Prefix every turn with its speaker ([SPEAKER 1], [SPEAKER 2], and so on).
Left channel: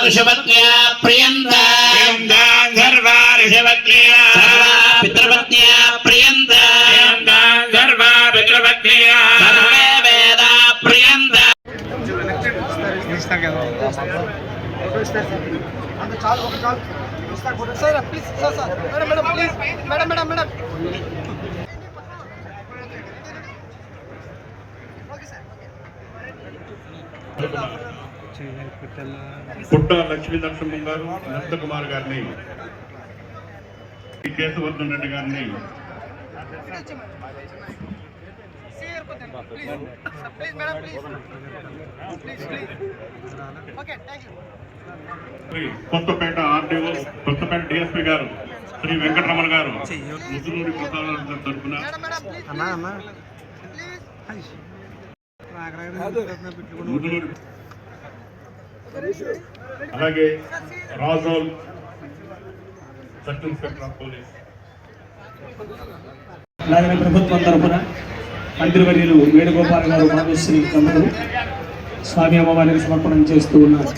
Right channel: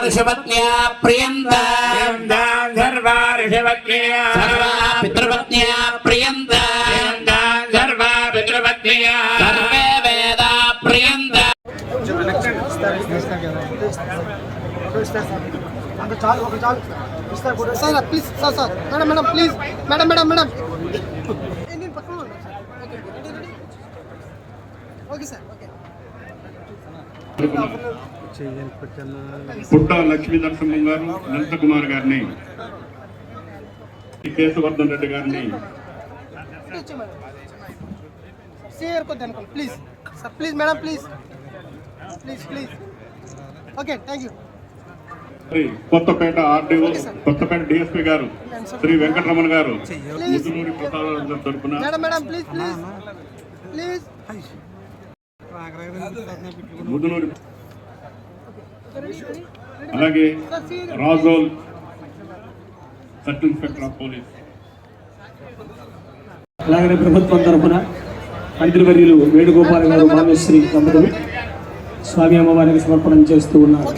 [SPEAKER 1] सर्वा ऋषपत्न्या प्रियन्ताम् सर्वा ऋषपत्न्या सर्वा पितृपत्न्या प्रियन्ताम् सर्वा पितृपत्न्या सर्वे वेदा प्रियन्ताम्
[SPEAKER 2] sir please sir sir madam madam please madam madam madam okay sir
[SPEAKER 3] Putta Lakshmi Narasimham గారు అనంత కుమార్ గారిని కేశవర్ధన్ రెడ్డి గారిని.
[SPEAKER 2] Please please madam please please please okay thank
[SPEAKER 3] you Kothapeta RDO Kothapeta DSP గారు శ్రీ వెంకటరమణ గారు ముద్దునూరి ప్రసాద తరపున
[SPEAKER 2] madam madam please please
[SPEAKER 3] Muddunuri అలాగే Razole sub of police
[SPEAKER 4] అలాగే ప్రభుత్వం తరఫున మంత్రివర్యులు వేణుగోపాల్ గారు రామేశ్వరి అందరూ స్వామి అమ్మవారికి సమర్పణం చేస్తూ ఉన్నారు.